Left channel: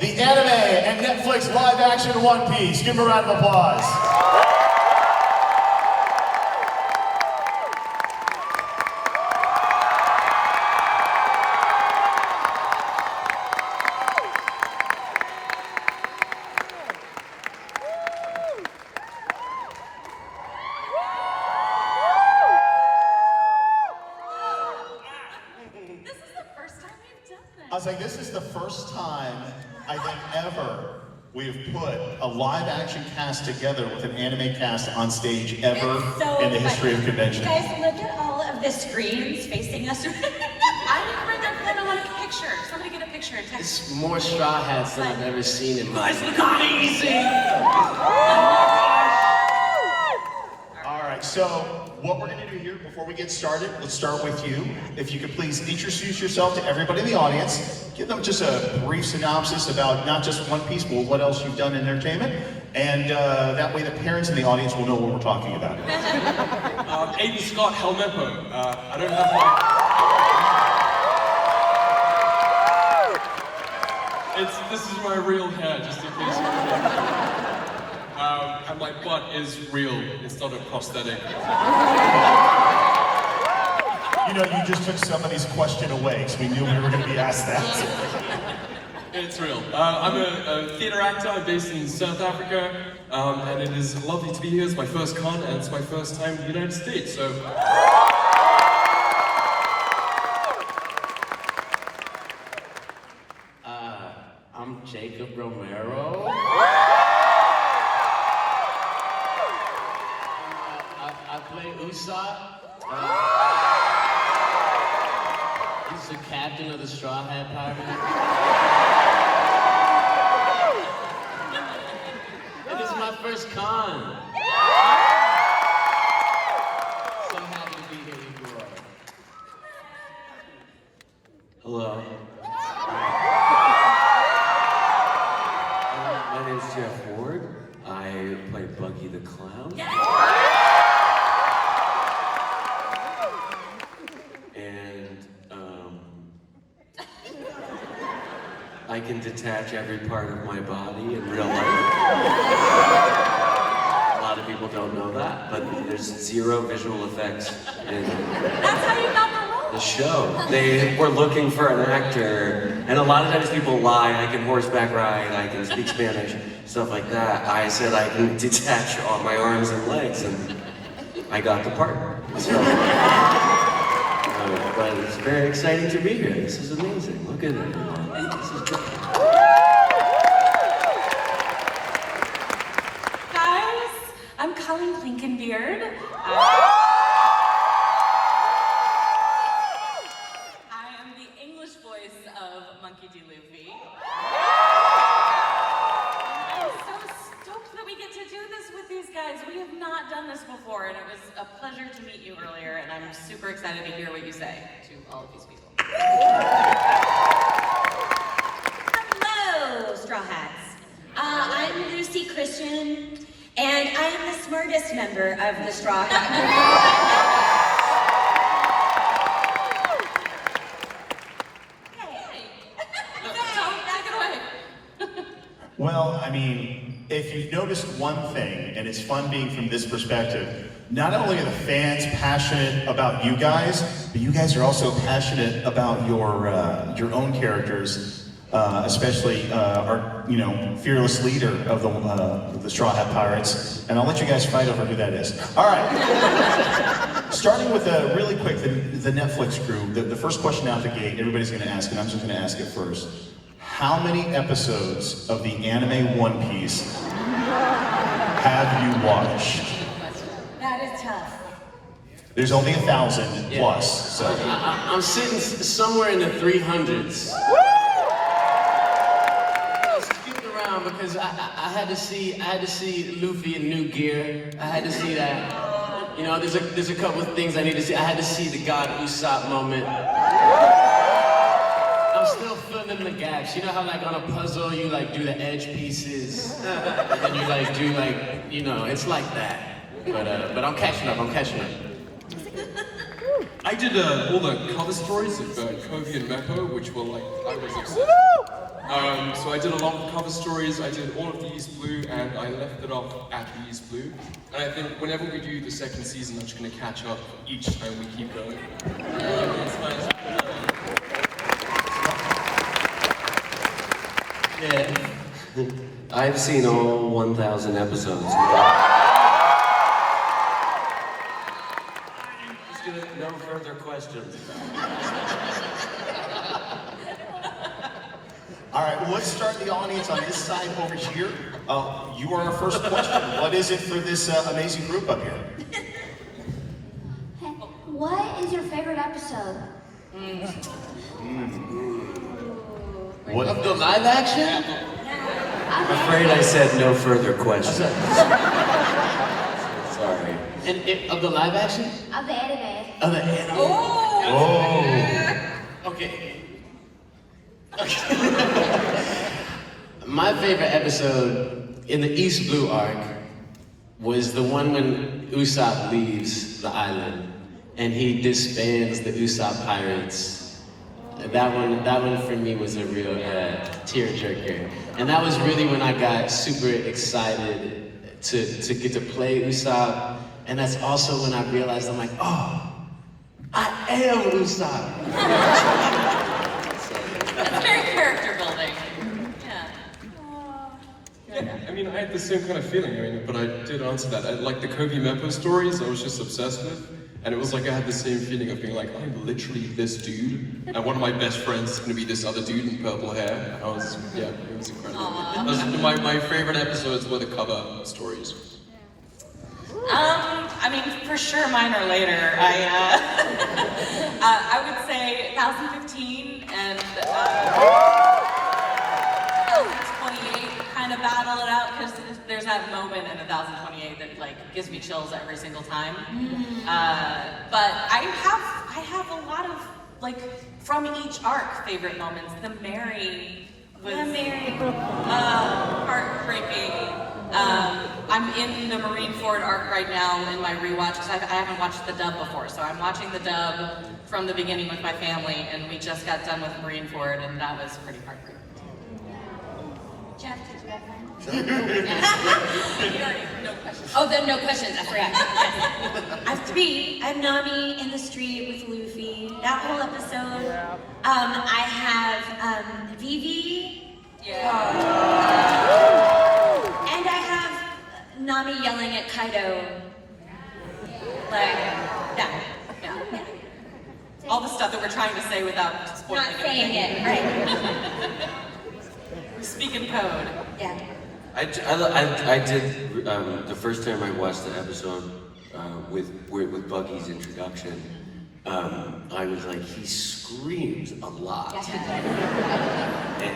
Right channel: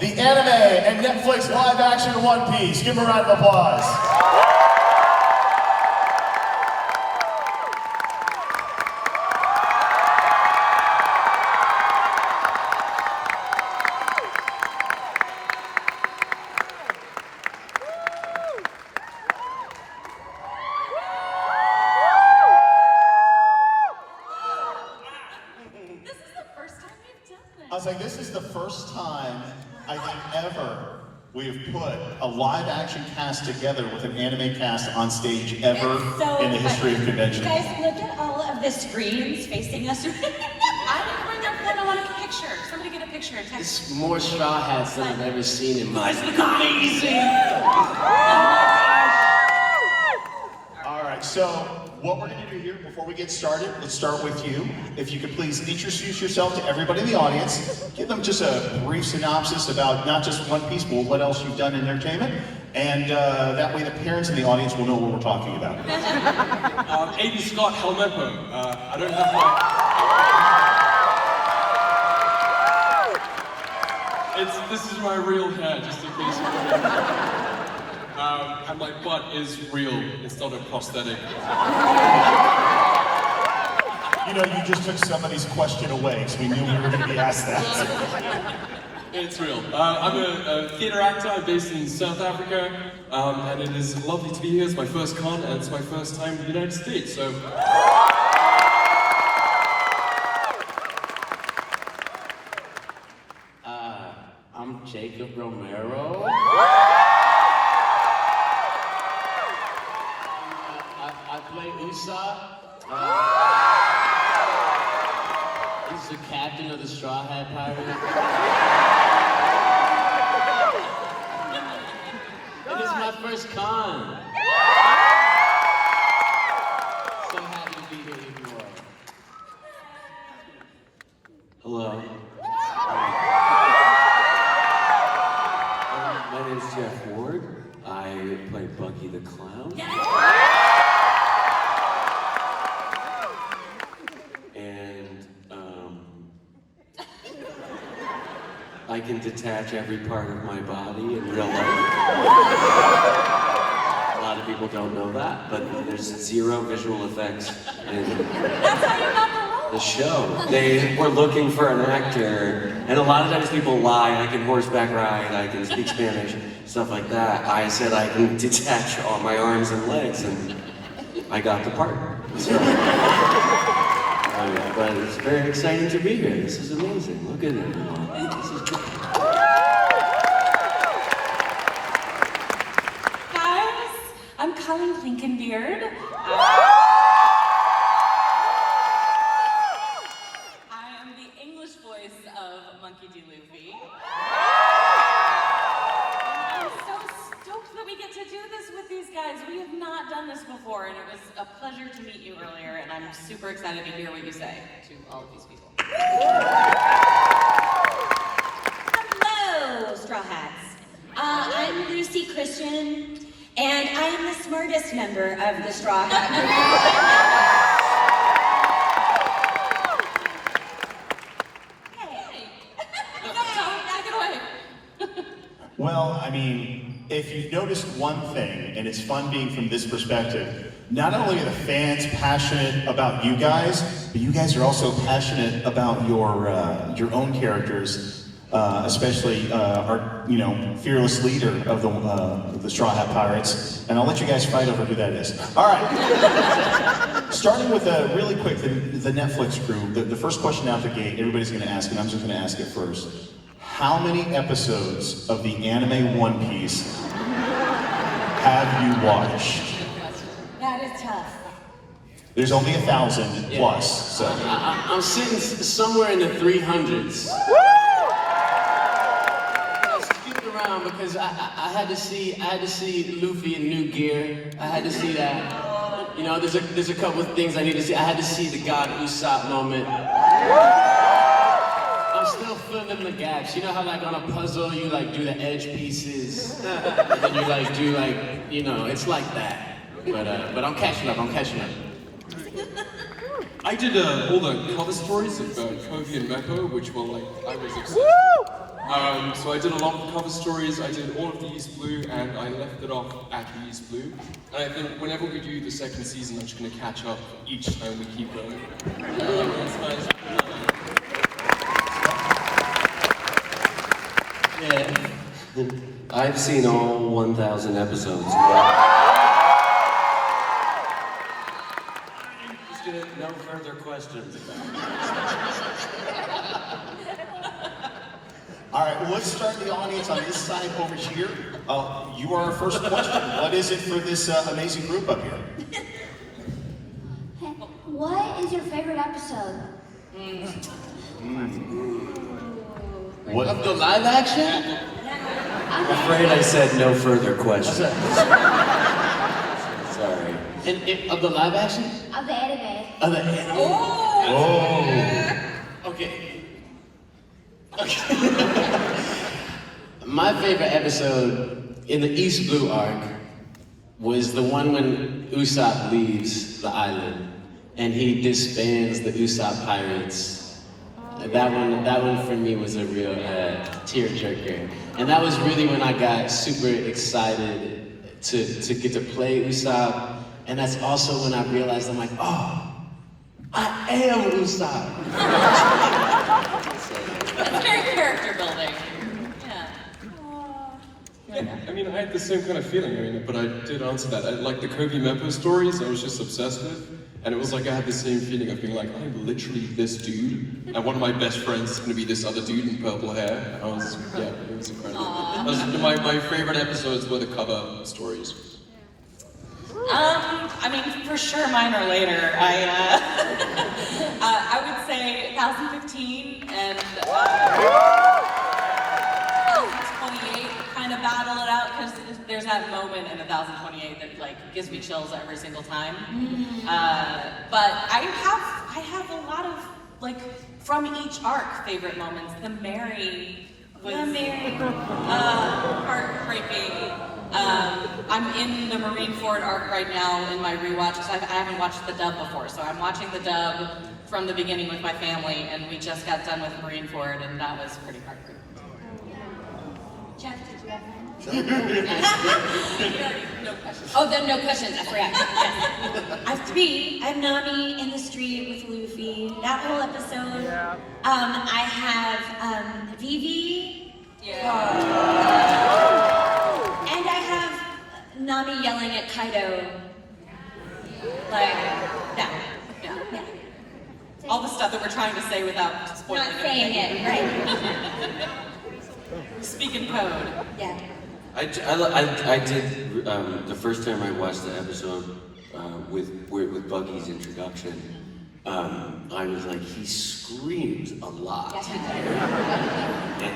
the anime and Netflix live action One Piece. Give them a round of applause. I was like, this is the first time, I think, ever we've put a live-action cast together with an anime cast on stage ever in the history of convention. Guys, look at all of the screens facing us. I didn't bring their phone. I want a picture. Somebody get a picture and text. It's more straw hats than I've ever seen in my life. Guys, look amazing! All right, so what we're going to do here before we get started, let's start with you. If you could please introduce yourself to everybody in the audience. Give them just a brief synopsis about not just One Piece, but what else you've done in entertainment. And that way the parents in the audience will know what we're talking about. Aiden Scott Helmeppo. I don't have my... This is my real hair, just in case you and my butt is real, it's not a prosthetic. You know, you just took somebody's question away, because we knew we were going to be asked that. It's real. I'm a theatre actor. I'm based in South Africa, and it is lovely to be here. It's my first con, and it's my first time in the United States, so... I'm Jacob Romero. I play Usopp. He's the captain of the Straw Hat Pirates. And it's my first con. So happy to be here with you all. Hello. My name is Jeff Ward. I play Bucky the Clown. And I can detach every part of my body in real life. A lot of people don't know that, but there's zero visual effects in That's how you got the role. the show. They were looking for an actor, and a lot of times people lie. I can horseback ride, I can speak Spanish, stuff like that. I said I can detach all my arms and legs, and I got the part. So, but it's very exciting to be here. This is amazing. Look at it. This is great. Guys, I'm Colleen Blinkenbeard. I am the English voice of Monkey D. Luffy. I'm so stoked that we get to do this with these guys. We have not done this before, and it was a pleasure to meet you earlier, and I'm super excited to hear what you say to all of these people. Hello, Straw Hats. I'm Lucy Christian, and I am the smartest member of the Straw Hat Hey. Take it away. Well, I mean, if you've noticed one thing, and it's fun being from this perspective, not only are the fans passionate about you guys, but you guys are also passionate about your own characters, especially our fearless leader of the Straw Hat Pirates. And I'll let you guys fight over who that is. All right. Starting with really quick, the Netflix crew. The first question out the gate, everybody's going to ask, and I'm just going to ask it first. How many episodes of the anime One Piece have you watched? That is tough. There's only 1,000 plus, so. I'm sitting somewhere in the 300s. I skipped around because I had to see Luffy in new gear. I had to see that. You know, there's a couple of things I need to see. I had to see the God Usopp moment. I'm still filling the gaps. You know how like on a puzzle you like do the edge pieces, and then you like do like, you know, it's like that. But I'm catching up. I did all the cover stories of Kobe and Meppo, which were like, I was obsessed. So I did a lot of cover stories, I did all of the East Blue, and I left it off at the East Blue. And I think whenever we do the second season, I'm just going to catch up each time we keep going. That's nice. Yeah. I've seen all 1,000 episodes. Just gonna, no further questions. All right, well, let's start the audience on this side over here. You are our first question. What is it for this amazing group up here? What is your favorite episode? What Of the live action? I'm afraid I said no further questions. Sorry. And of the live action? Of the anime. of the anime? Oh. Okay. My favorite episode in the East Blue arc was the one when Usopp leaves the island and he disbands the Usopp pirates. That one for me was a real tearjerker. And that was really when I got super excited to get to play Usopp. And that's also when I realized I'm like, oh, I am Usopp. That's very character building. Yeah. Yeah, I mean, I had the same kind of feeling, but I did answer that. I, like the Kobe Meppo stories, I was just obsessed with. And it was like I had the same feeling of being like, I'm literally this dude, and one of my best friends is gonna be this other dude in purple hair. I was, yeah, it was incredible. My favorite episodes were the cover stories. I mean, for sure mine are later. I would say 2015 and 2028 kind of battle it out because there's that moment in 1028 that like gives me chills every single time. But I have a lot of like from each arc favorite moments. The Mary was heartbreaking. I'm in the Marineford arc right now in my rewatch because I haven't watched the dub before, so I'm watching the dub from the beginning with my family, and we just got done with Marineford, and that was pretty heartbreaking. Jeff, did you have one? No questions. Oh, then no questions. I forgot. Yes. I have three. I have Nami in the street with Luffy. That whole episode. I have Vivi. And I have Nami yelling at Kaido. Like that. Yeah. All the stuff that we're trying to say without spoiling Not saying it, right? Speak in code. Yeah. I did the first time I watched the episode with Buggy's introduction. I was like, he screams a lot. Yes, he did.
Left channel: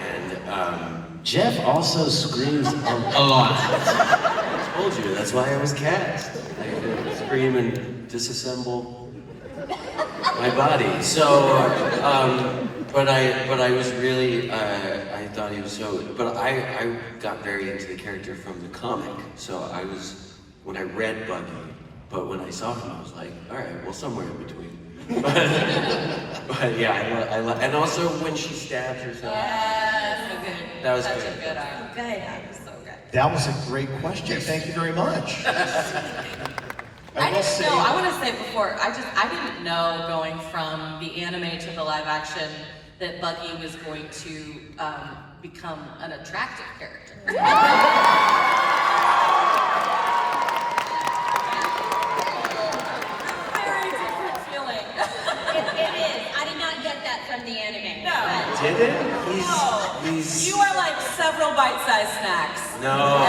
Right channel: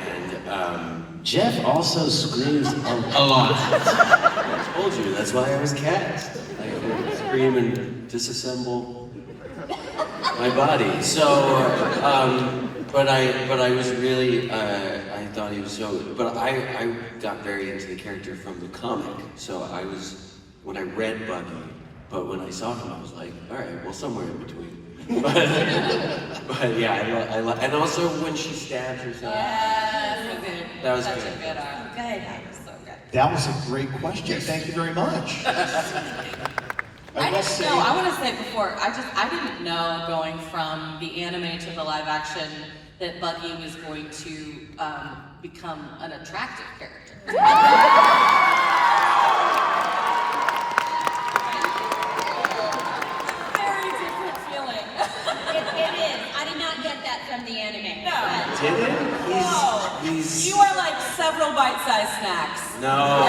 And Jeff also screams a lot. I told you, that's why I was cast. I could scream and disassemble my body. So, but I was really, I thought he was so, but I got very into the character from the comic. So I was, when I read Buggy, but when I saw him, I was like, all right, well, somewhere in between. But yeah, I love, and also when she stabs herself. Yeah, so good. That was Such good. a good arc. Good. That was so good. That was a great question. Thank you very much. I didn't know. I want to say before. I didn't know going from the anime to the live action that Buggy was going to become an attractive character. Very different feeling. It is. I did not get that from the anime. No. Did it? No. You are like several bite-sized snacks. No.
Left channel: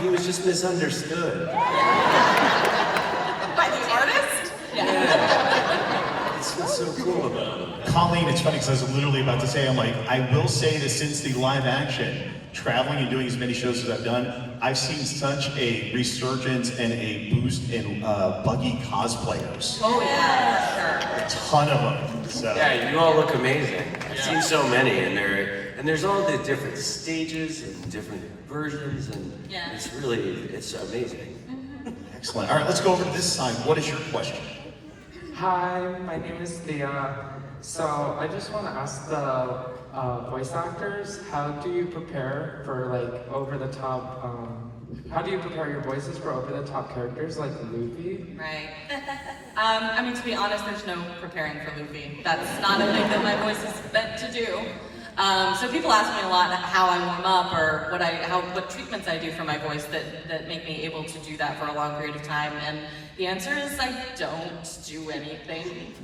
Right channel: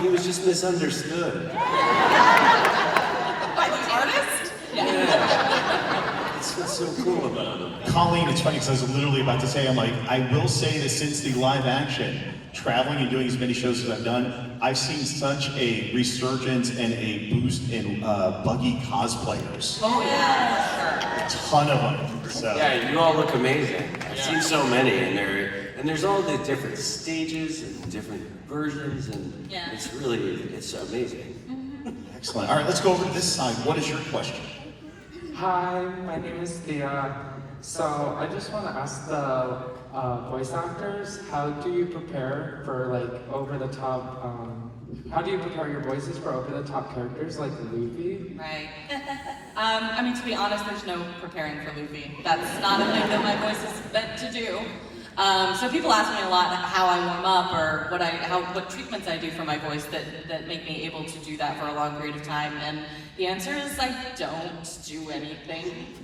He was just misunderstood. By the artist? Yeah. That's what's so cool about him. Colleen, it's funny because I was literally about to say, I'm like, I will say that since the live action, traveling and doing as many shows as I've done, I've seen such a resurgence and a boost in Buggy cosplayers. Oh yeah, sure. A ton of them. So. Yeah, you all look amazing. I've seen so many, and there's all the different stages and different versions, and Yeah. it's amazing. Excellent. All right, let's go over to this side. What is your question? Hi, my name is Thea. So I just want to ask the voice actors, how do you prepare for like over-the-top, how do you prepare your voices for over-the-top characters like Luffy? Right. I mean, to be honest, there's no preparing for Luffy. That's not a thing that my voice is meant to do. So people ask me a lot how I warm up or what treatments I do for my voice that make me able to do that for a long period of time. And the answer is I don't do anything.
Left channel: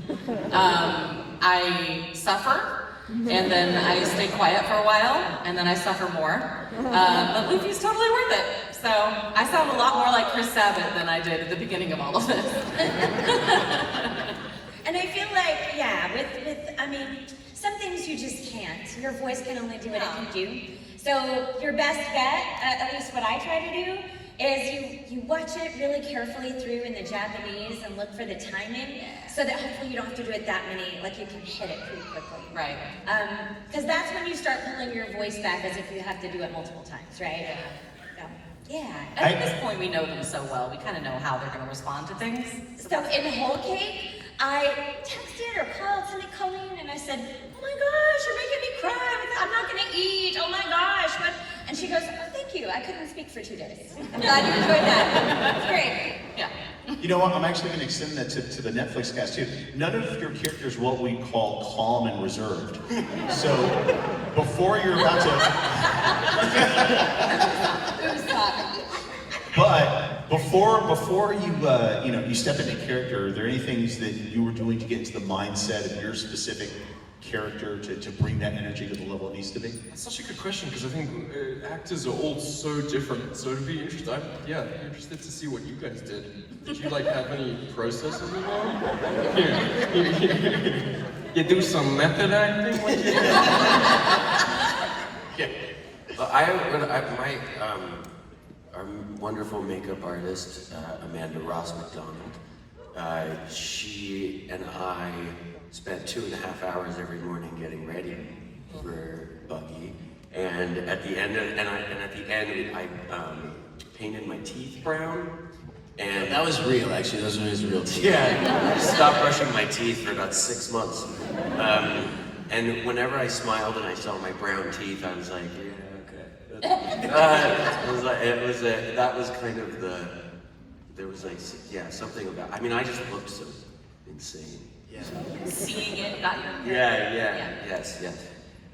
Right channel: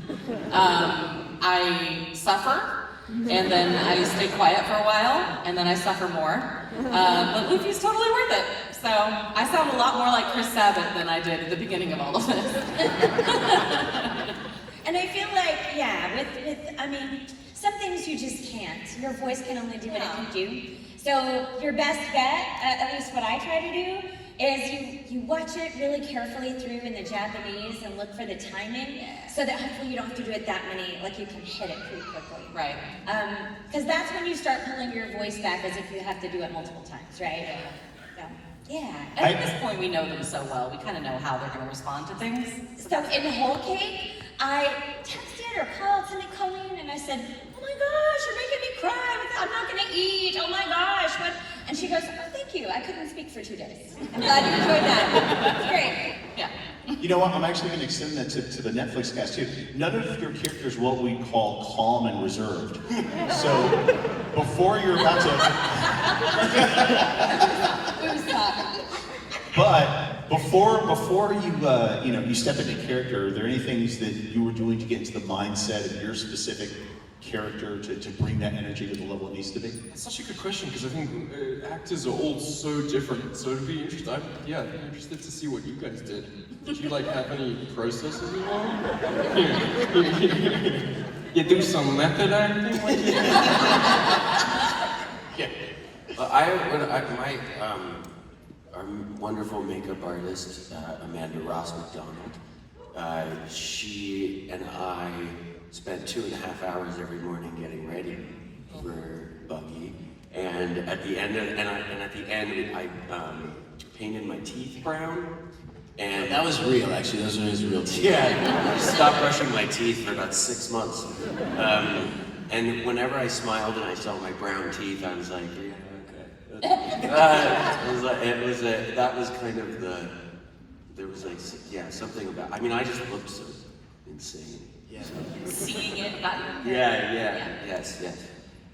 I suffer, and then I stay quiet for a while, and then I suffer more. But Luffy's totally worth it. So I sound a lot more like Chris Sabat than I did at the beginning of all of this. And I feel like, yeah, I mean, some things you just can't. Your voice can only do what it can do. So your best bet, at least what I try to do, is you watch it really carefully through in the Japanese and look for the timing, so that hopefully you don't have to do it that many, like you can hit it pretty quickly. Right. Because that's when you start pulling your voice back as if you have to do it multiple times, right? So, yeah. And at this point, we know them so well. We kind of know how they're going to respond to things. So in Whole Cake, I texted or called Cindy Colleen and I said, oh my gosh, you're making me cry. I'm not gonna eat. Oh my gosh. What? And she goes, oh, thank you. I couldn't speak for 2 days. I'm glad you enjoyed that. It's great. Yeah. You know what? I'm actually going to extend that to the Netflix cast too. None of your characters what we call calm and reserved. So before you're about to, but before you step into character, are there any things that you were doing to get into the mindset of your specific character to bring that energy to the level it needs to be? That's such a good question because I think actors are all so different. So it'd be interesting. I'm interested to see what you guys did. Did you like have any processes involved? You do some method acting? What do you do? Yeah. Our wonderful makeup artist, Amanda Ross McDonald, she and I spent 2.5 hours every morning getting ready for Buggy, and at the end, I painted my teeth brown. And That was real, actually. Those were his real teeth. yeah, I stopped brushing my teeth for about 6 months. And whenever I smiled and I saw my brown teeth, I was like, yeah, okay. That was kind of there was like, yeah, something about, I mean, I just looked so insane. Yeah. Seeing it, not your Yes.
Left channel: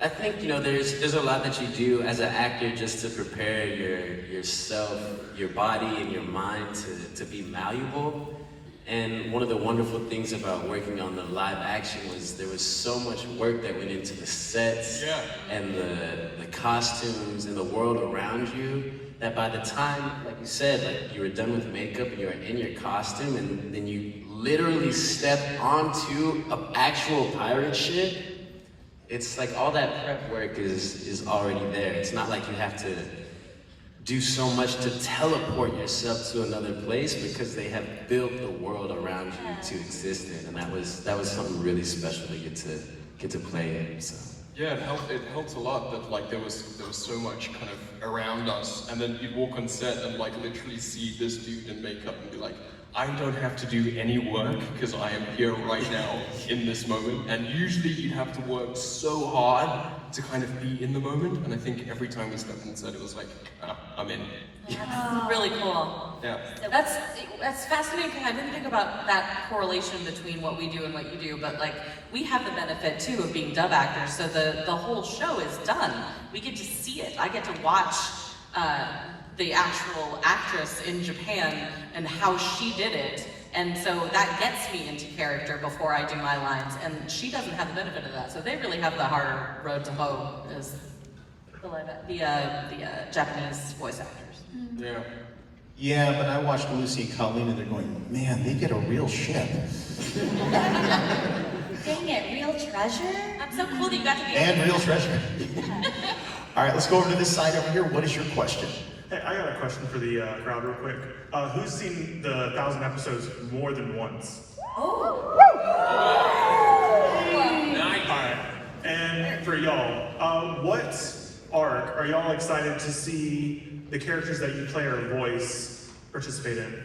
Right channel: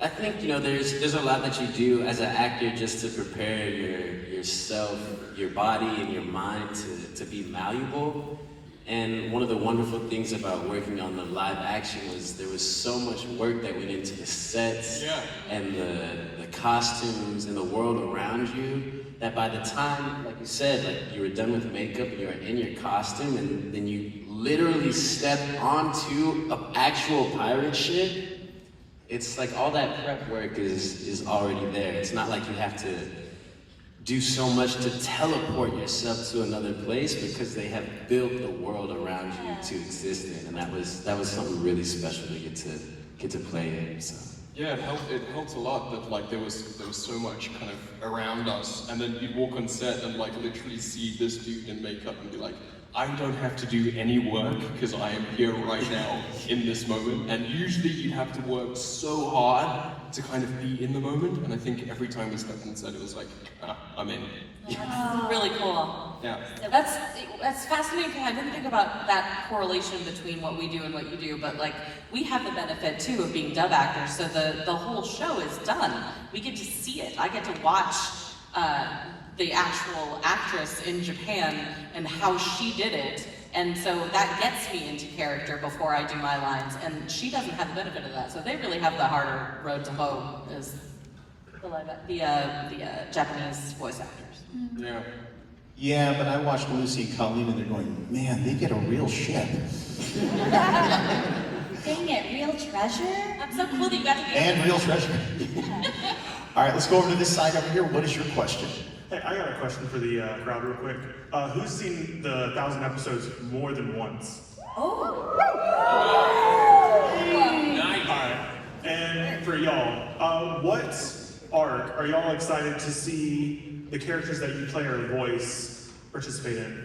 I think, there's a lot that you do as an actor just to prepare yourself, your body and your mind to be malleable. And one of the wonderful things about working on the live action was there was so much work that went into the sets and the costumes and the world around you, that by the time, like you said, like you were done with makeup and you were in your costume and then you literally step onto an actual pirate ship, it's like all that prep work is already there. It's not like you have to do so much to teleport yourself to another place because they have built the world around you to exist in, and that was something really special to get to play in. So. Yeah, it helped a lot that like there was so much kind of around us, and then you'd walk on set and like literally see this dude in makeup and be like, I don't have to do any work because I am here right now in this moment. And usually you'd have to work so hard to kind of be in the moment. And I think every time we stepped on set, it was like, I'm in. That's really cool. Yeah. That's fascinating. I didn't think about that correlation between what we do and what you do, but like we have the benefit too of being dub actors, so the whole show is done. We get to see it. I get to watch the actual actress in Japan and how she did it, and so that gets me into character before I do my lines. And she doesn't have the benefit of that, so they really have the harder road to hoe as the Japanese voice actors. Yeah. Yeah, but I watched Lucy and Colleen and they're going, man, they get a real ship. Dang it, real treasure? That's so cool that you got to be. And real treasure. All right, let's go over to this side over here. What is your question? Hey, I got a question for the crowd real quick. Who's seen the 1,000 episodes more than once? Oh. Nice. All right. And for y'all, what arc are y'all excited to see the characters that you play or voice participate in?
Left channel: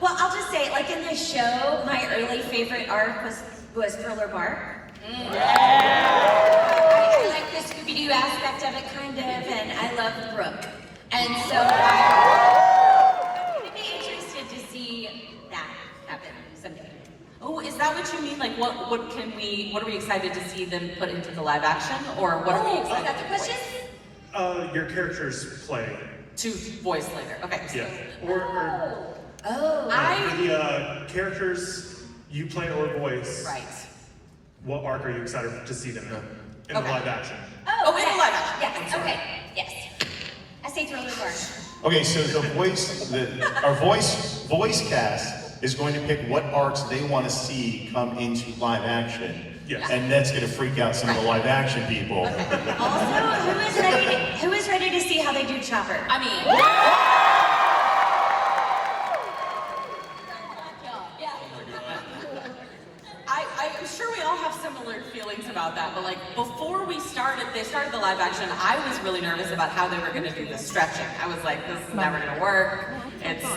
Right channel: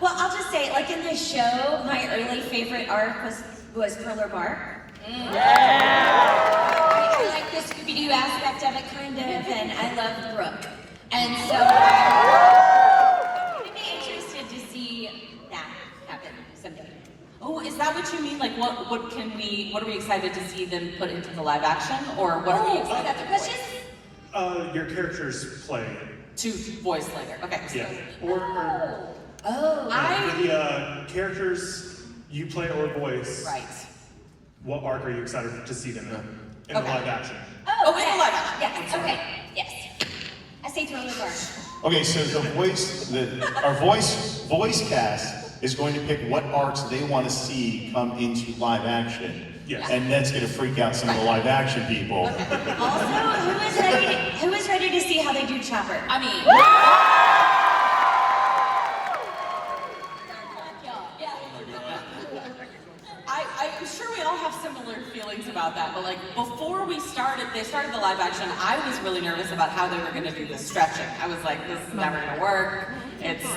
Well, I'll just say, like in the show, my early favorite arc was Thriller Bark. I like the Scooby-Doo aspect of it, kind of, and I love Brooke. And so I'm gonna be interested to see that happen someday. Oh, is that what you mean? Like, what are we excited to see them put into the live action, or what are we Is excited that the to question? Your characters play. to voice later? Okay. So Yeah. Or for the characters you play or voice. right. What arc are you excited to see them in the Okay. live action? Oh, in the live action. Yes, okay, yes. I say Thriller Bark. Okay, so our voice cast is going to pick what arcs they want to see come into live action. Yes. And that's going to freak out some of the live action people. Also, who is ready to see how they do Chopper? I mean, I'm sure we all have similar feelings about that, but like before they started the live action, I was really nervous about how they were going to do the stretching. I was like, this is never going to work.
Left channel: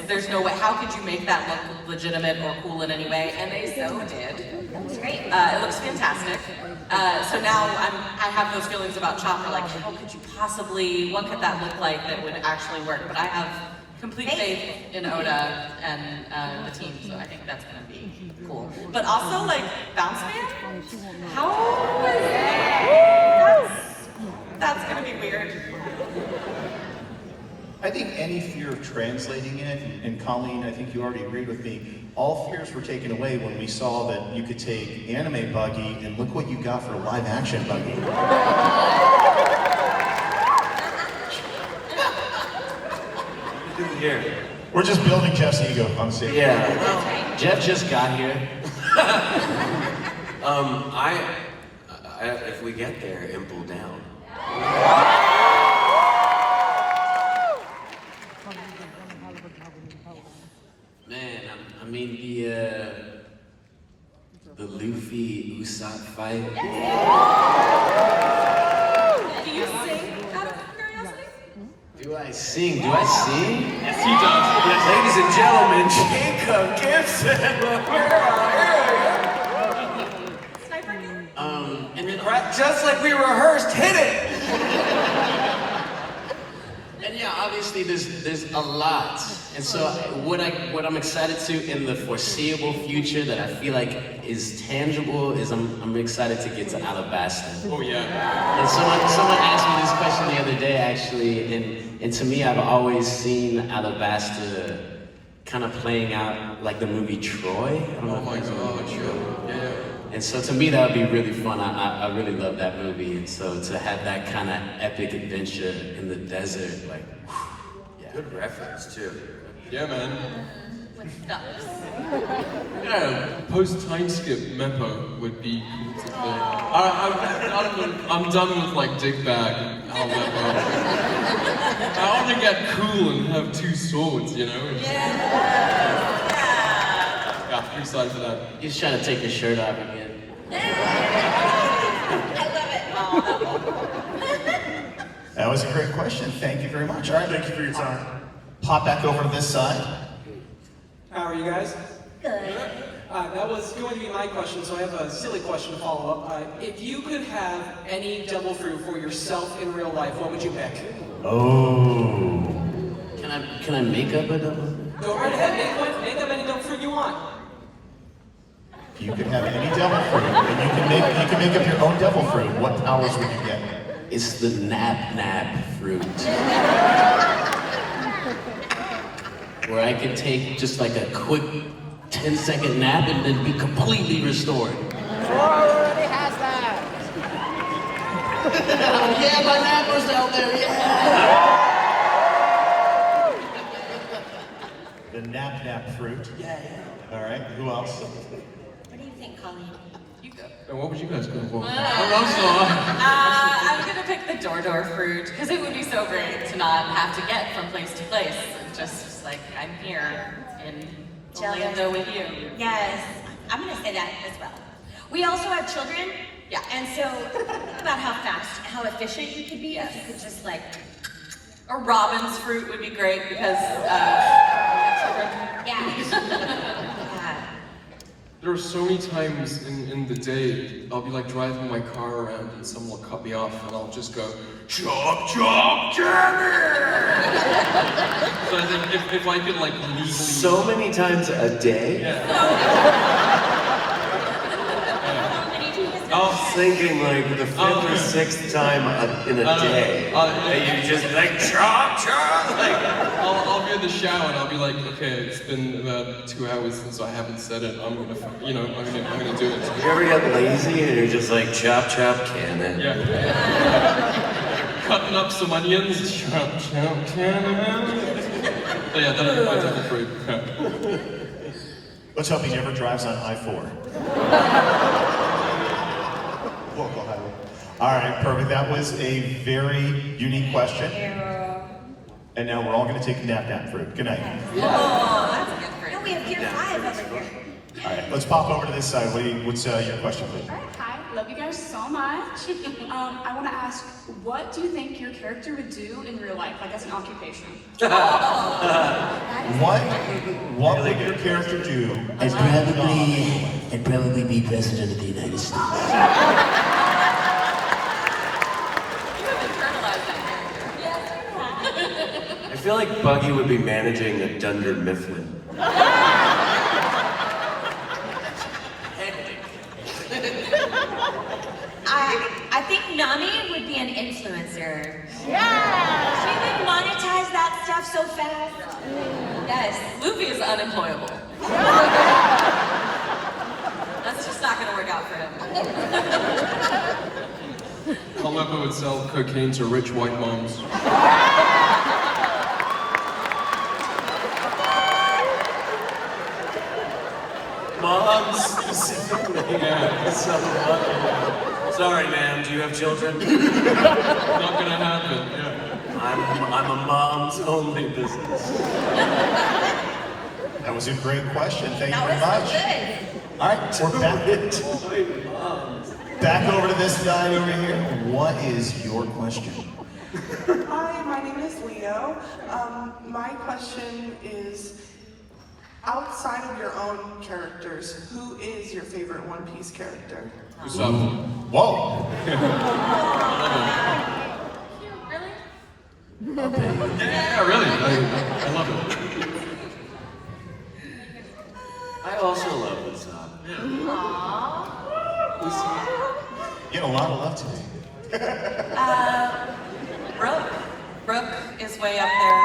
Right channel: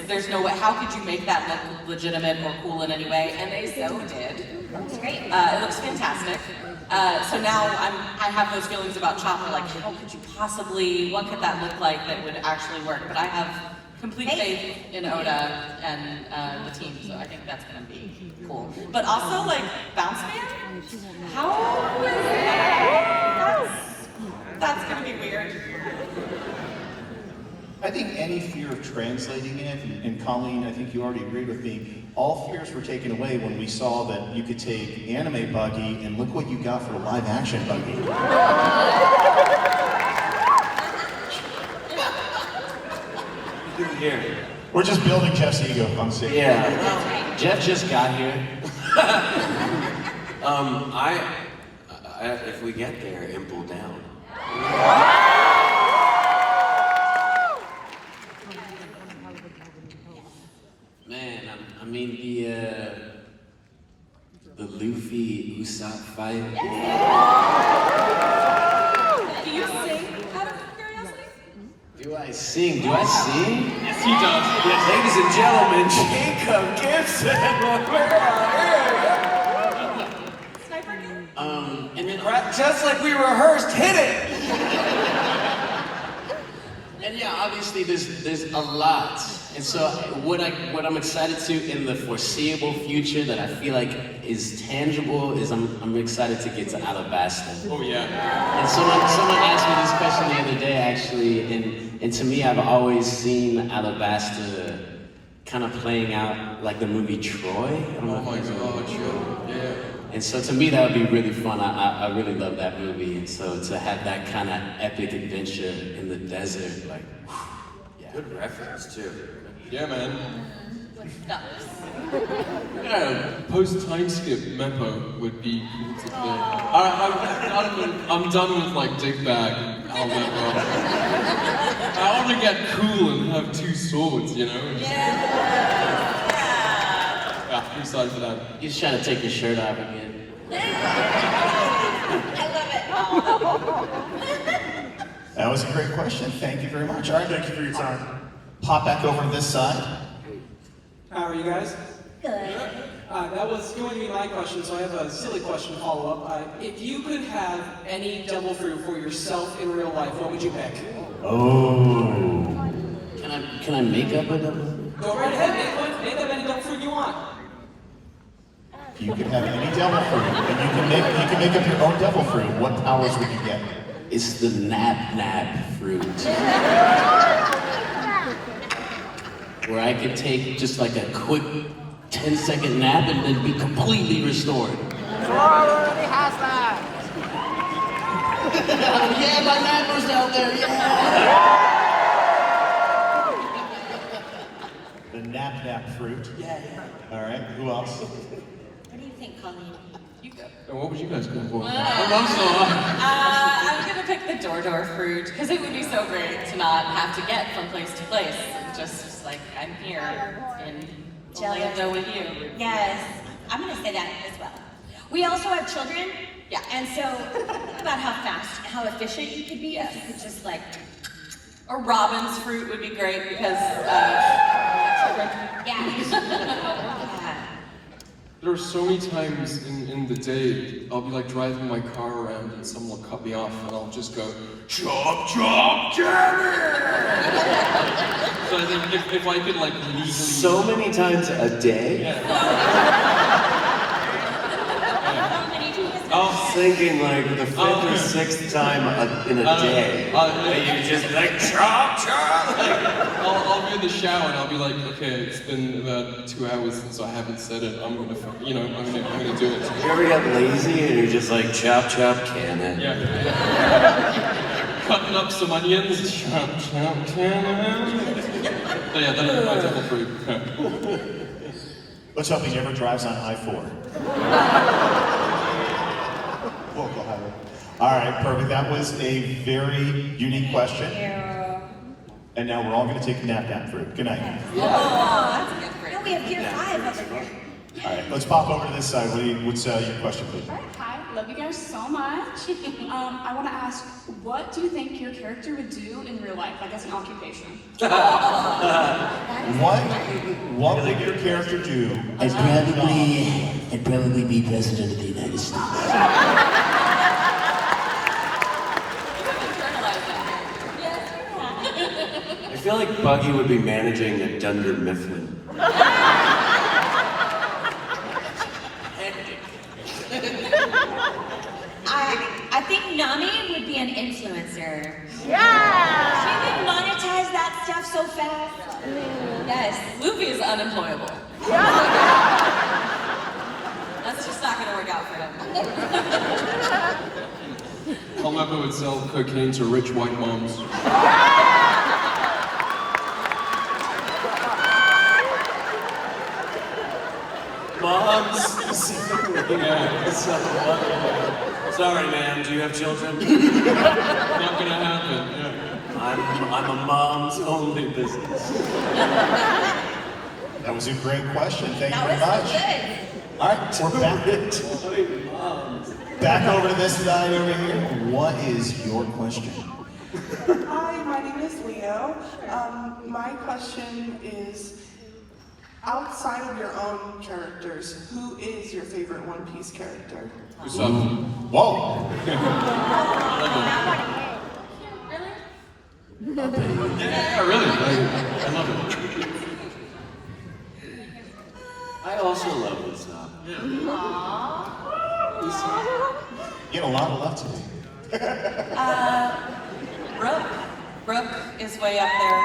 There's no way. How could you make that look legitimate or cool in any way? And they so did. That's great. It looks fantastic. So now I have those feelings about Chopper. Like, how could you possibly? What could that look like that would actually work? But I have complete faith in Oda and the team, so I think that's gonna be cool. But also, like, Bounce Man? How is that's gonna be weird. I think any fear of translating it, and Colleen, I think you already agreed with me, all fears were taken away when we saw that you could take anime Buggy and look what you got for live action Buggy. Here. We're just building Jeff's ego on stage. Yeah. Jeff just got here. If we get there, Imple down. Man, I mean the Luffy Usopp fight. Do you sing out of curiosity? Do I sing? Do I sing? Yes, he does. Yes. Ladies and gentlemen, Jacob Gibson. Sniper game? And then Just like we rehearsed, hit it! And yeah, obviously there's a lot. And so what I'm excited to in the foreseeable future that I feel like is tangible is I'm excited to get to Alabasta. Oh yeah. And someone asked me this question the other day actually, and to me I've always seen Alabasta kind of playing out like the movie Troy. I don't know Oh if my you guys know god, Troy. yeah. And so to me that would be really fun. I really love that movie. And so to have that kind of epic adventure in the desert, like, yeah. Good reference, too. Yeah, man. With ducks. Yeah. Post time skip Meppo would be cool to play. I'm done with like Dick Bag Al Meppo. I want to get cool and have two swords, you know? Yeah. Yeah, I'm excited for that. He's trying to take your shirt off again. I love it. That was a great question. Thank you very much. All right, Thank you for your time. pop back over to this side. How are you guys? Good. That was going to be my question, so I have a silly question to follow up. If you could have any devil fruit for yourself in real life, what would you pick? Oh. Can I make up a double? Go right ahead, make up any devil fruit you want. You could have any devil fruit, and you can make up your own devil fruit. What powers would you get? It's the nap fruit. Where I could take just like a quick 10-second nap and then be completely restored. Yeah, my nappers out there, yeah! The nap fruit. Yeah. All right. Who else? What do you think, Colleen? You go. And what would you guys go for? I'm gonna pick the door fruit because it would be so great to not have to get from place to place. Just like I'm here in Orlando with you. Yes, I'm gonna say that as well. We also have children. Yeah. And so think about how fast, how efficient you could be if you could just like. Or Robin's fruit would be great because Yeah. There are so many times in the day, I'll be like driving my car around and someone will cut me off and I'll just go, chop, chop, damn it! So I think if I could like legally... So many times a day? I was thinking like the fifth or sixth time in a day. That you just like chop, chop, like... I'll be in the shower and I'll be like, okay, it's been about 2 hours since I haven't said it. I'm gonna do it. You ever get lazy and you're just like chop, chop, cannon? Yeah. Cutting up some onions, chop, chop, cannon. So yeah, that'll be my devil fruit. Let's hope he never drives on I-4. Local highway. All right, perfect. That was a very unique question. And now we're all going to take a nap down fruit. Good night. Oh, that's a good fruit. No, we have gear 5 over here. All right, let's pop over to this side. What's your question, please? All right, hi, love you guys so much. I want to ask, what do you think your character would do in real life, like as an occupation? What would your character do? I'd probably be president of the United States. I feel like Buggy would be managing the Dunder Mifflin. I think Nami would be an influencer. Yeah! She would monetize that stuff so fast. Yes. Luffy is unemployable. That's just not gonna work out for him. Helmeppo would sell cocaine to rich white moms. Moms specifically. Yeah. So sorry, ma'am. Do you have children? Not gonna happen. Yeah. I'm a mom's only business. That was a great question. Thank you very That much. was so good. All right, we're back over to this side over here. What is your question? Hi, my name is Leo. My question is, outside of your own characters, who is your favorite One Piece character? Usopp. Whoa! Yeah, really. I love it. I also love Usopp. You get a lot of love today. Brooke is way up there.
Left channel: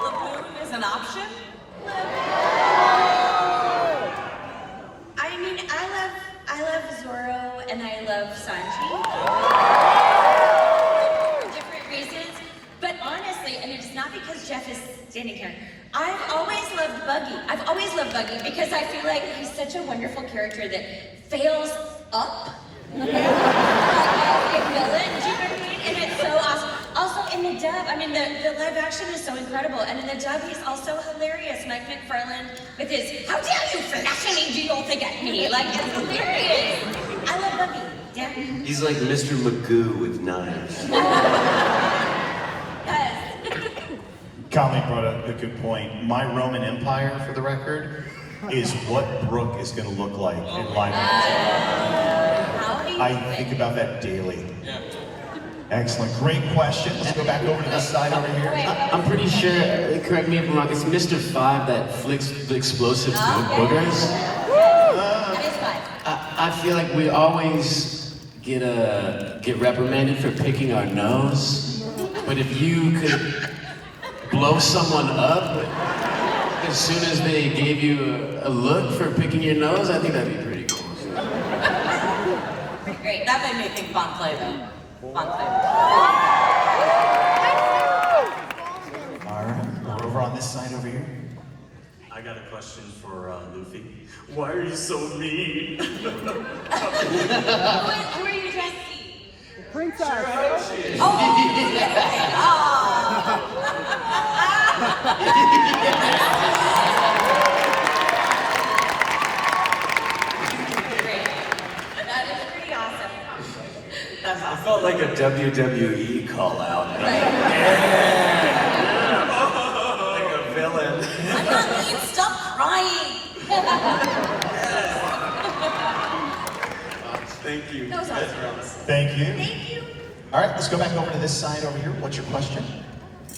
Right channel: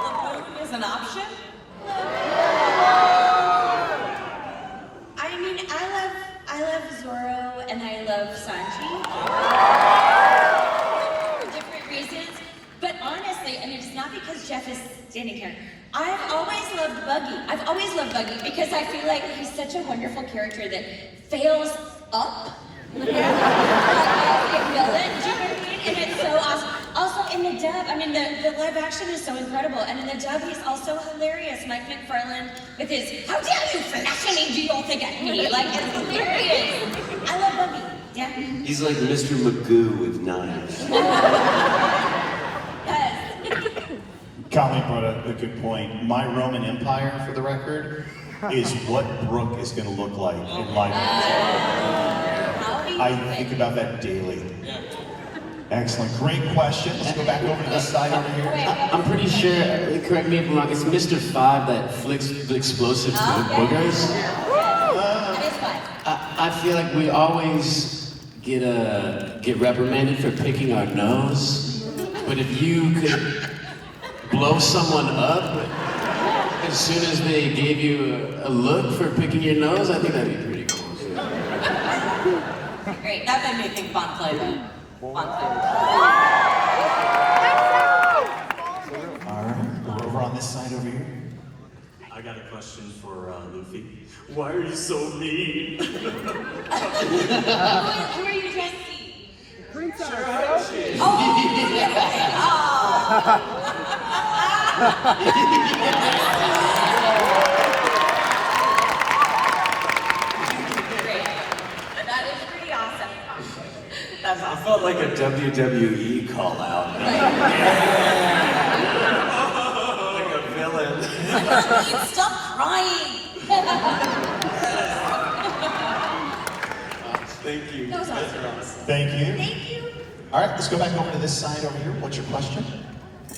If Laboon is an option, I mean, I love Zoro and I love Sanji. For different reasons. But honestly, and it's not because Jeff is standing here, I've always loved Buggy. I've always loved Buggy because I feel like he's such a wonderful character that fails up. Like as a villain, do you know what I mean? And it's so awesome. Also in the dub, I mean the live action is so incredible. And in the dub, he's also hilarious. Mike McFarland with his, how dare you flash any deal to get me? Like, it's hilarious. I love Buggy. Yeah. He's like Mr. Magoo with knives. Yes. Colleen brought up a good point. My Roman Empire, for the record, is what Brooke is going to look like in live action. I think about that daily. Excellent. Great question. Let's go back over to this side over here. I'm pretty sure, correct me if I'm wrong, it's Mr. 5 that flicks the explosive boogers. That is fun. I feel like we always get reprimanded for picking our nose, but if you could blow someone up as soon as they gave you a look for picking your nose, I think that'd be pretty cool. great. That made me think Bon Clay though. Bon Clay. All right, we're over on this side over here. I got a question for Luffy. Why are you so mean? Who are you dressed? Princess. Oh, great. That is pretty awesome. That's It awesome. felt like a WWE call out. Right. Queen, stop crying! Thank you. That was awesome. Thank you. Thank you. All right, let's go back over to this side over here. What's your question?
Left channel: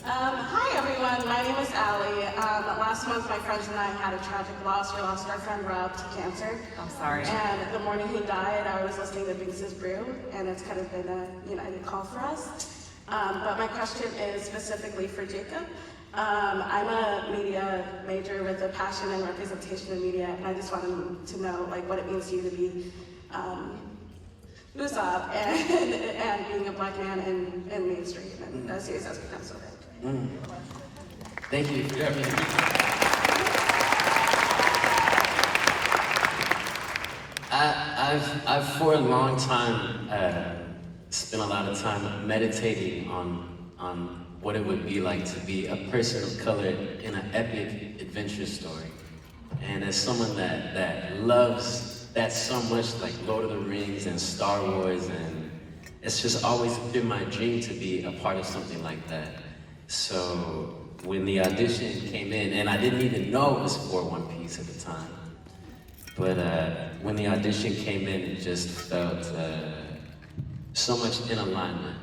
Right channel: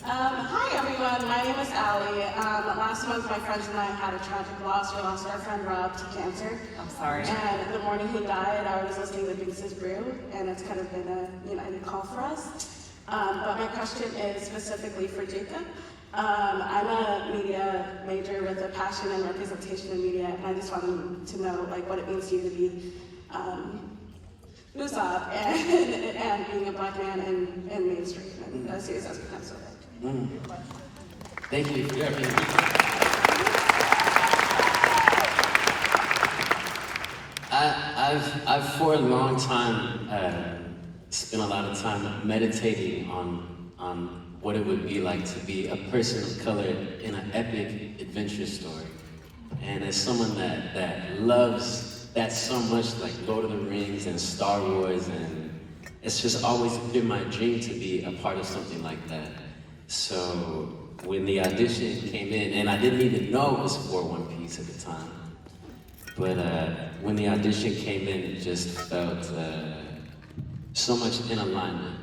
Hi everyone, my name is Allie. Last month my friends and I had a tragic loss. We lost our friend Rob to cancer. I'm sorry. And the morning he died, I was listening to Binks's Brew, and it's kind of been a united call for us. But my question is specifically for Jacob. I'm a media major with a passion and representation in media, and I just wanted to know what it means to you to be Usopp and being a black man in mainstream and a series has become so big. Thank you. I've for a long time spent a lot of time meditating on what it would be like to be a person of color in an epic adventure story. And as someone that loves that so much, like Lord of the Rings and Star Wars, and it's just always been my dream to be a part of something like that. So when the audition came in, and I didn't even know it was for One Piece at the time, but when the audition came in, it just felt so much in alignment.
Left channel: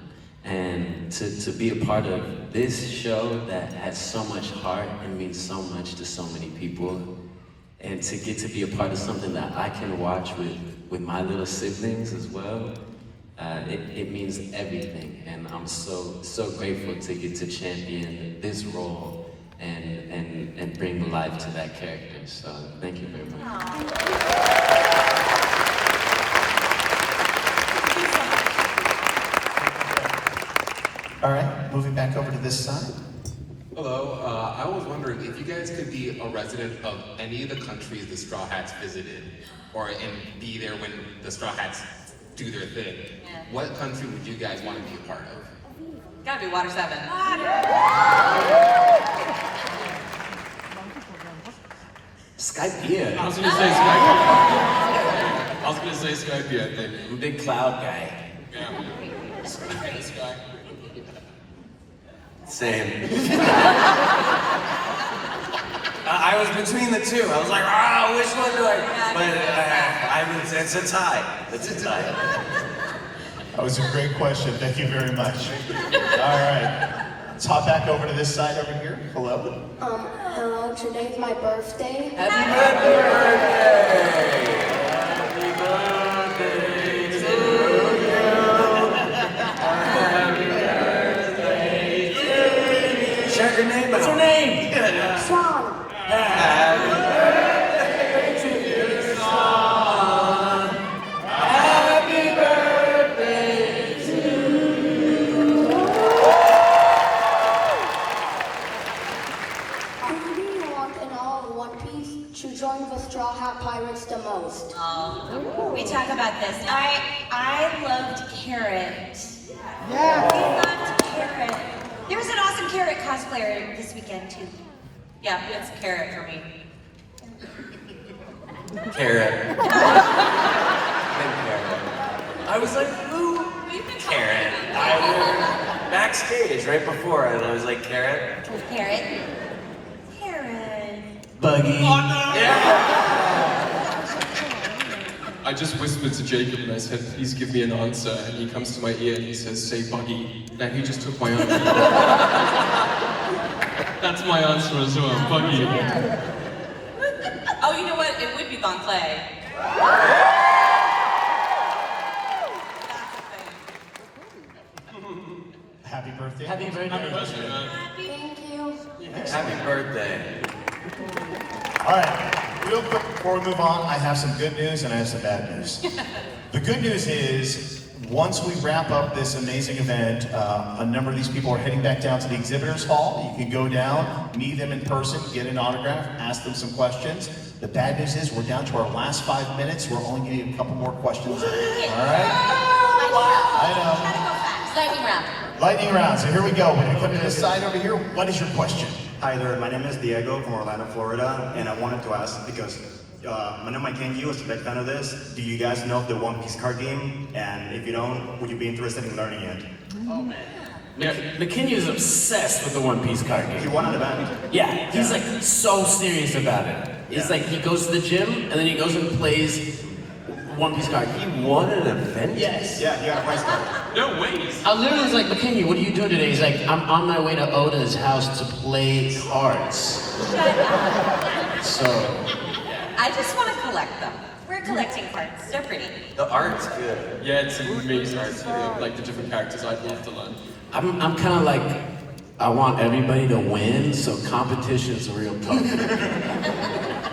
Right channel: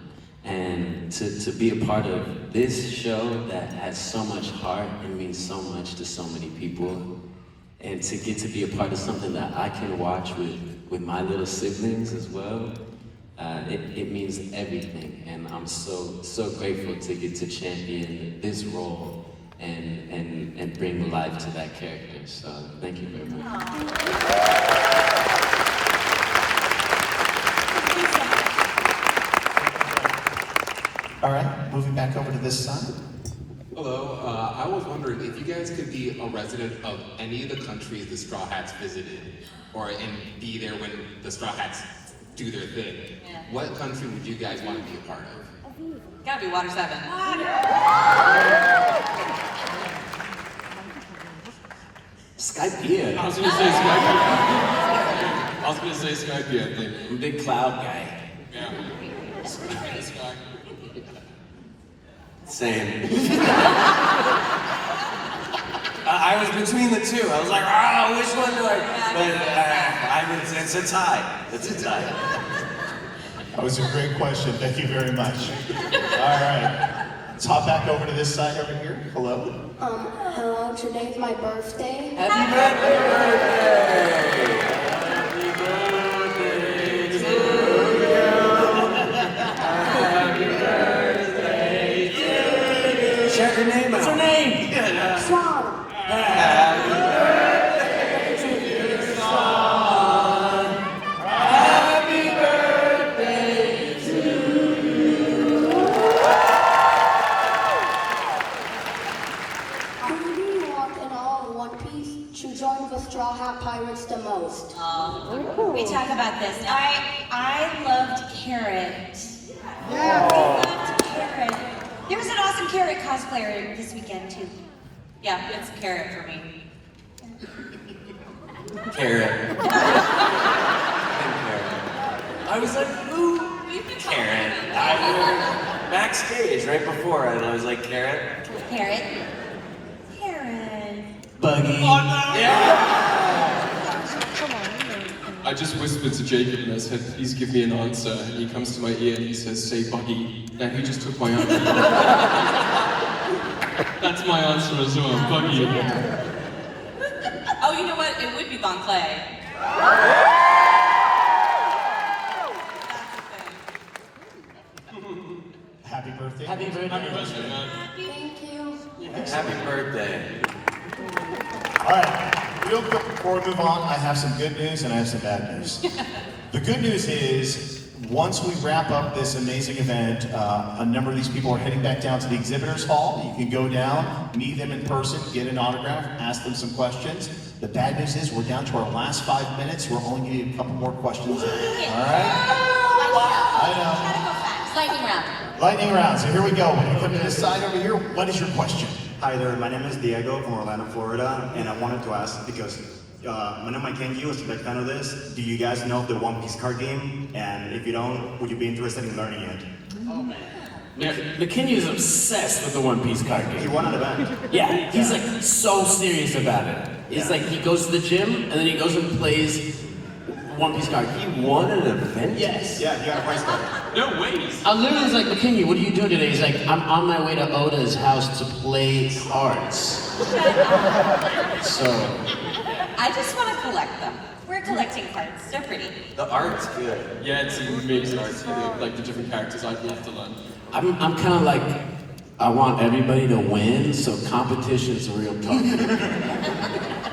And to be a part of this show that has so much heart and means so much to so many people, and to get to be a part of something that I can watch with my little siblings as well, it means everything. And I'm so grateful to get to champion this role and bring life to that character. So thank you very much. All right, moving back over to this side. Hello, I was wondering if you guys could be a resident of any of the countries the Straw Hats visited, and be there when the Straw Hats do their thing. Yeah. What country would you guys want to be a part of? Gotta be Water 7. Skypiea. I was gonna say Skypiea. I was gonna say Skypiea, I think. I'm a big cloud guy. Yeah. Sky. Same. I was between the two. I was like, which one do I? But it's a tie. It's a tie. That was a great question. Thank you very much. All right. Let's hop back over to this side over here. Hello. Hello, today's my birthday. Happy birthday! Happy birthday to you. Happy birthday to you. Shout your name out. What's her name? Swan. Happy birthday to you, Swan. Happy birthday to you. Who do you want in all of One Piece to join the Straw Hat Pirates the most? We talk about this. I loved Carrot. Yeah. I loved Carrot. There was an awesome Carrot cosplayer this weekend too. Yeah, it's Carrot for me. Carrot. I was like, who? Carrot. I was backstage right before, and I was like, Carrot. Carrot. Carrot. Buggy. Oh no! Yeah! I just whispered to Jacob and I said, please give me an answer. And he comes to my ear and he says, say Buggy. And he just took my answer. That's my answer as well, Buggy. Oh, you know what? It would be Bon Clay. Happy birthday. Happy birthday. Happy birthday, man. Thank you. Happy birthday. All right, real quick before we move on, I have some good news and I have some bad news. The good news is, once we wrap up this amazing event, a number of these people are heading back down to the exhibitors hall. You can go down, meet them in person, get an autograph, ask them some questions. The bad news is we're down to our last 5 minutes. We're only getting a couple more questions. All right? I know. Lightning round. Lightning round. So here we go. When we come to this side over here, what is your question? Hi there, my name is Diego from Orlando, Florida, and I wanted to ask because Mike Kenji was a big fan of this. Do you guys know of the One Piece card game? And if you don't, would you be interested in learning it? Oh man. McKinney is obsessed with the One Piece card game. He won an event. Yeah, he's like so serious about it. It's like he goes to the gym and then he goes and plays One Piece card. He won an event? Yes. Yeah, he got a prize card. No way. I literally was like, McKinney, what are you doing today? He's like, I'm on my way to Oda's house to play cards. Shut up. So, I just want to collect them. We're collecting cards. They're pretty. The art's good. Yeah, it's amazing art. See like the different characters I'd love to learn. I'm kind of like, I want everybody to win, so competition's real tough.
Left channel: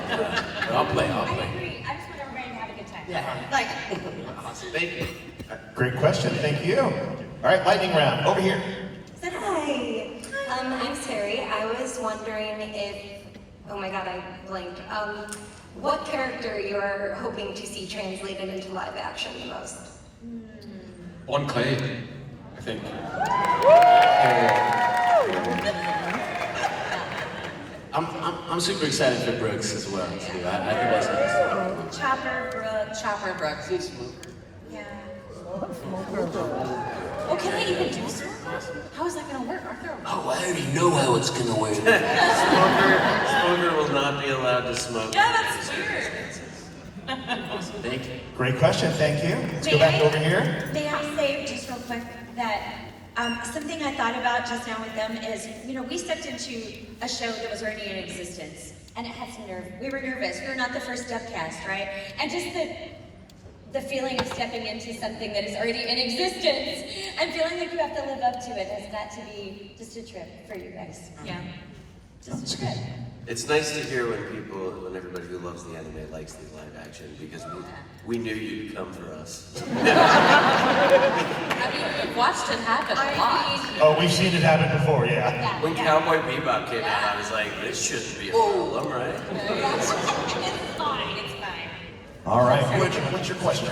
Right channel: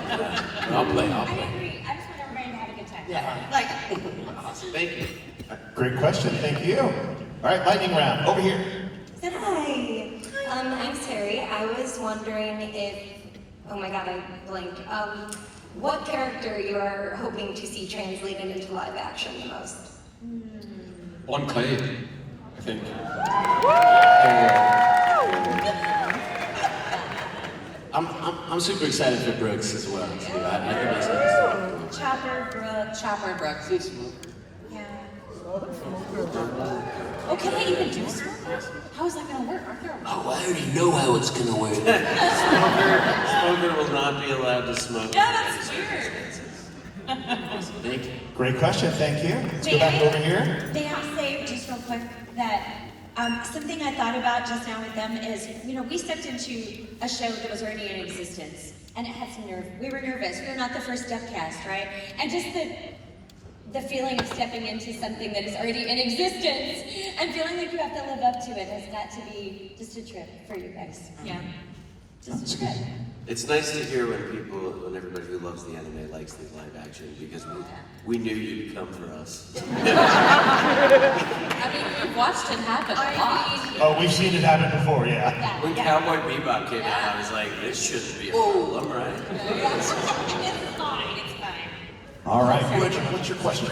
But I'll play. I agree. I just want everybody to have a good time. Yeah. Like, Awesome. Thank you. Great question, thank you. All right, lightning round, over here. Hi. I'm Terry. I was wondering if, oh my god, I blanked. What character you are hoping to see translated into live action the most? On clay, I think. I'm super excited for Brooks as well, too. I think that's nice. Chopper Brooks. yeah. Oh, can I even do smoke? How is that gonna work? Aren't there? Oh, I already know how it's gonna work. Smoker will not be allowed to smoke. Yeah, that's weird. Thank you. Great question, thank you. Let's go back over here. May I say just real quick that something I thought about just now with them is, we stepped into a show that was already in existence, and it had some nerve. We were nervous. We were not the first Stepcast, right? And just the feeling of stepping into something that is already in existence and feeling like you have to live up to it has got to be just a trip for you guys. Yeah. Just a trip. It's nice to hear when everybody who loves the anime likes the live action because we knew you'd come for us. I mean, we've watched it happen a lot. Oh, we've seen it happen before, yeah. When Cowboy Bebop came out, I was like, this shouldn't be a problem, right? It's fine. It's fine. All right, what's your question?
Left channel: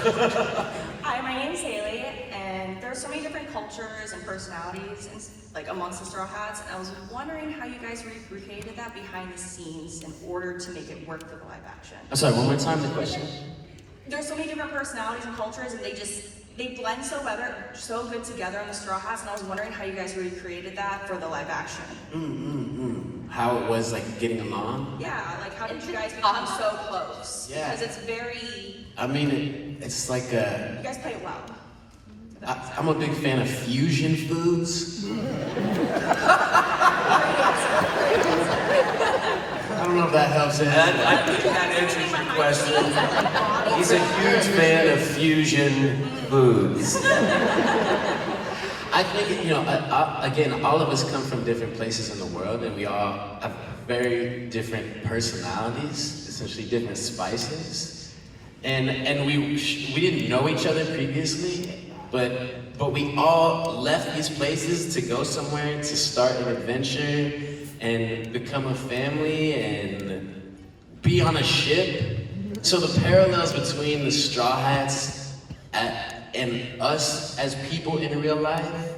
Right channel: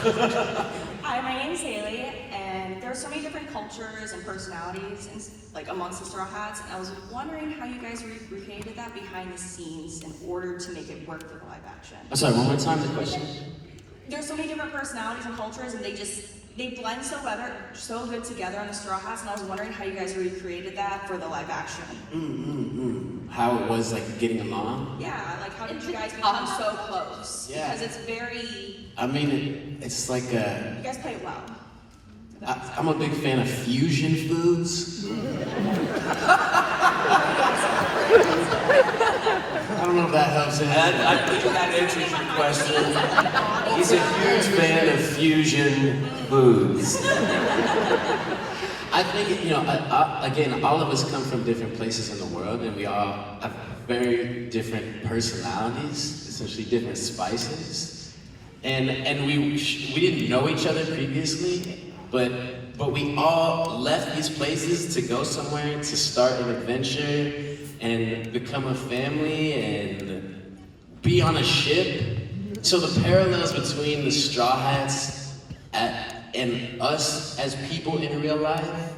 Hi, my name's Haley, and there are so many different cultures and personalities amongst the Straw Hats, and I was wondering how you guys recreated that behind the scenes in order to make it work for the live action. I'm sorry, one more time the question. There's so many different personalities and cultures, and they blend so good together on the Straw Hats, and I was wondering how you guys recreated that for the live action. How it was like getting along? Yeah, like how did you guys become so close? Yeah. Because it's very, I mean, it's like you guys play it well. I'm a big fan of fusion foods. I don't know if that helps. I think that answers your question. He's a huge fan of fusion foods. I think, again, all of us come from different places in the world, and we all have very different personalities, essentially different spices. And we didn't know each other previously, but we all left these places to go somewhere, to start an adventure, and become a family, and be on a ship. So the parallels between the Straw Hats and us as people in real life,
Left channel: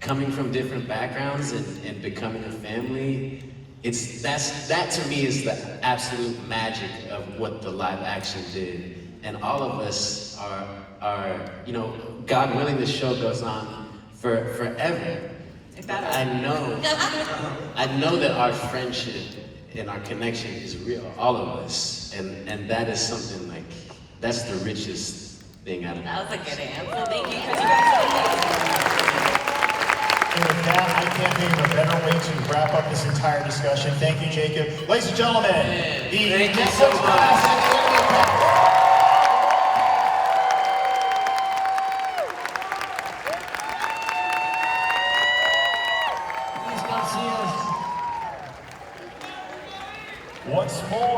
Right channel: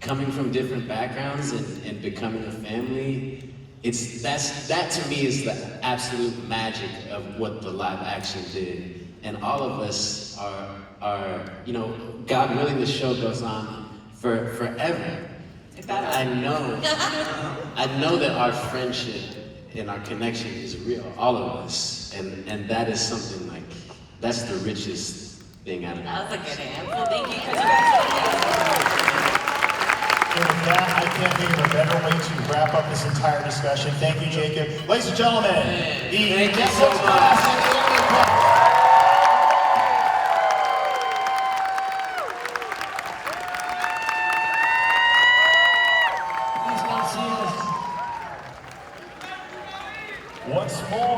coming from different backgrounds and becoming a family, that to me is the absolute magic of what the live action did. And all of us are God willing, the show goes on forever. I know that our friendship and our connection is real, all of us, and that is something that's the richest thing out of it. That was a good answer. Thank you. Congratulations. And with that, I can't think of a better way to wrap up this entire discussion. Thank you, Jacob. Ladies and gentlemen, Thank you so much. once more.